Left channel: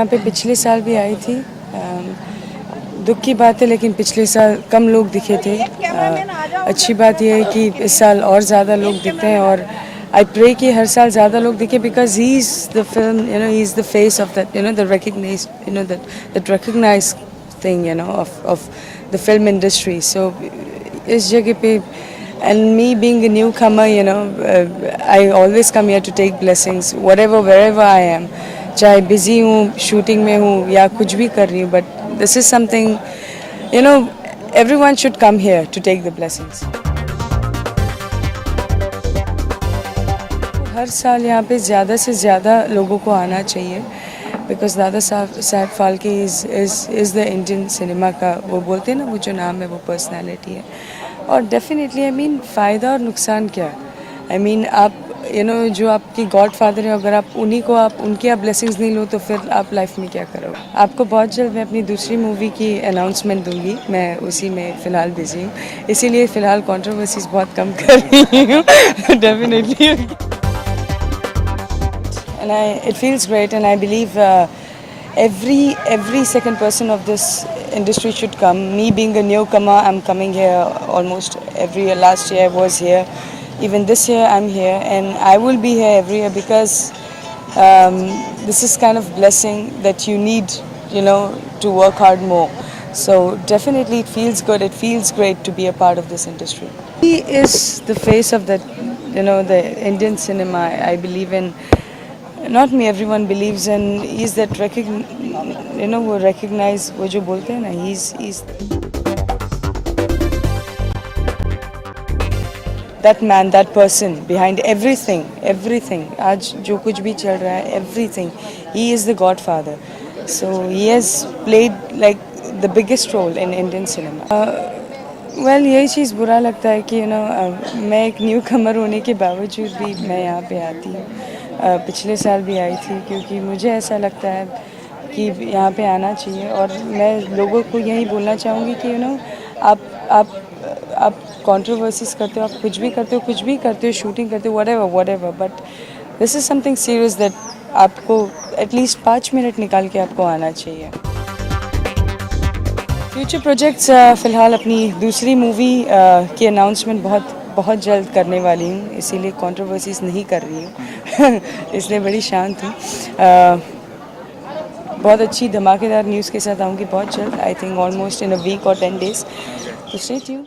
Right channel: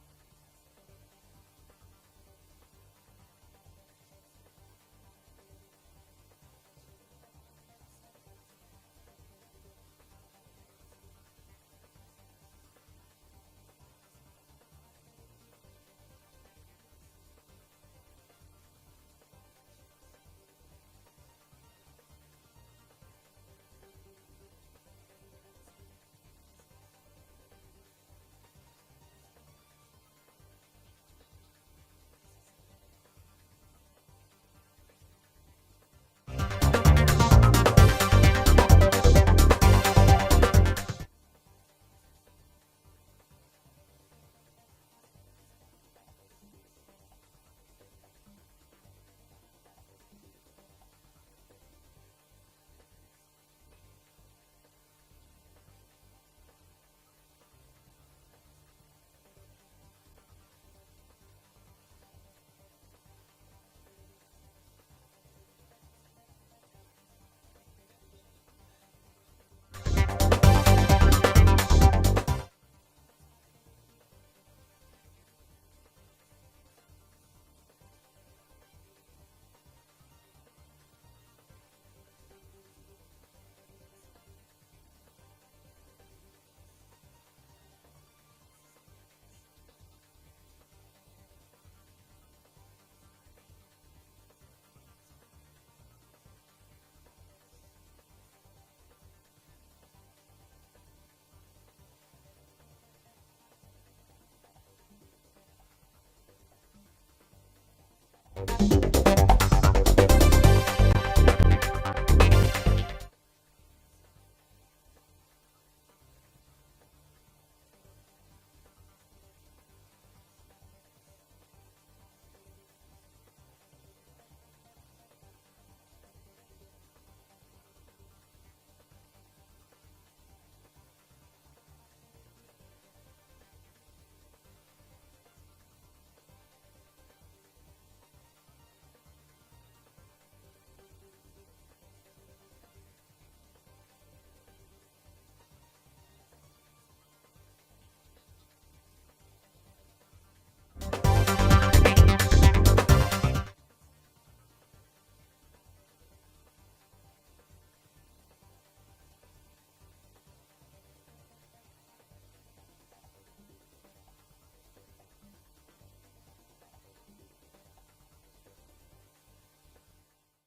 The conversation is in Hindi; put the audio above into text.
यहाँ पे पिछले साल भी आई थी। दुख की बात है लेकिन पिछले साल कम लोग दिखे थे। अच्छी बात यह है कि इस साल और ज़्यादा लोग दिखते हैं और आई प्रे कि हर साल ज़्यादा लोग दिखे because he is the film he is the face of that the recognise that recognise thing of the film industry. So इस जगह पे and me being a newcomer, I always come here to take blessings wherever I am, चाहे busy हूँ, shooting में हूँ या कुछ भी कर रही हूँ, but this is something, everyone should come here to take the blessings. हर साल यहाँ पे ज़्यादा से ज़्यादा लोगों को आना चाहिए because Dada Saheb Phalke is the Indian cinema का, वो बोलते हैं ना, वो जो नाम है वो पर्सनैलिटी है। और डेफिनेटली फ़ायदा और नुकसान क्या, आप जो आपकी गॉड फादर है, अगर आप उनकी आप ब्लेसिंग्स नहीं लो तो फिर आप लाइफ में क्या करोगे। आपको बहुत जल्द मैं अपनी दूसरी मूवी की अनाउंसमेंट दूंगी, मैं उसी में फ़िलहाल बिजी हूँ, इसीलिए फ़िलहाल कंट्रोवर्सीज बहुत कम कर रही हूँ definitely. And it feels great, and I believe every second person of this industry should come. Me being a newcomer, I'm coming here almost every year. Last year I was here, even this year I'm here, and I will be here every year because this is kind of blessing that you need, to work hard more. So definitely it feels good. It feels great to be a part of this industry. He is the face of that, the Indian cinema. I believe in. Not me, everyone believes in. He's that वो recognize, वो जो बोलते हैं ना, he's that man, that person behind everything. आज जो कुछ भी चल रहा है, everything. He is the godfather. So he has played like the biggest role in Indian cinema. Well, यही चीज़ बुरा लगता है कि मैं एक न्यू कमर होने के बावजूद भी मैं यहाँ पे आती हूँ। पिछले साल भी आई थी क्योंकि मुझे ऐसा लगता है कि यहाँ पे आना चाहिए और मैं लोगों को यही बोलना चाहूँगी कि आप कंट्रोवर्सीज करते हो, आप कुछ भी करते हो, शूटिंग करते हो, whatever, but this is something serious that आपको एटलीस्ट 5 मिनट निकाल के आपको आना चाहिए। फ्यूचर प्रोजेक्ट्स, फ़िलहाल अपनी दूसरी मूवी की अनाउंसमेंट बहुत जल्द करने वाली हूँ, इसीलिए कंट्रोवर्सीज नहीं कर रही हूँ इसलिए बड़ी शांत हूँ। बहुत अच्छी धमाकेदार न्यूज़ के साथ आऊँगी बहुत जल्द, I think almost in a week और 10 days। तो स्टे ट्यून्ड।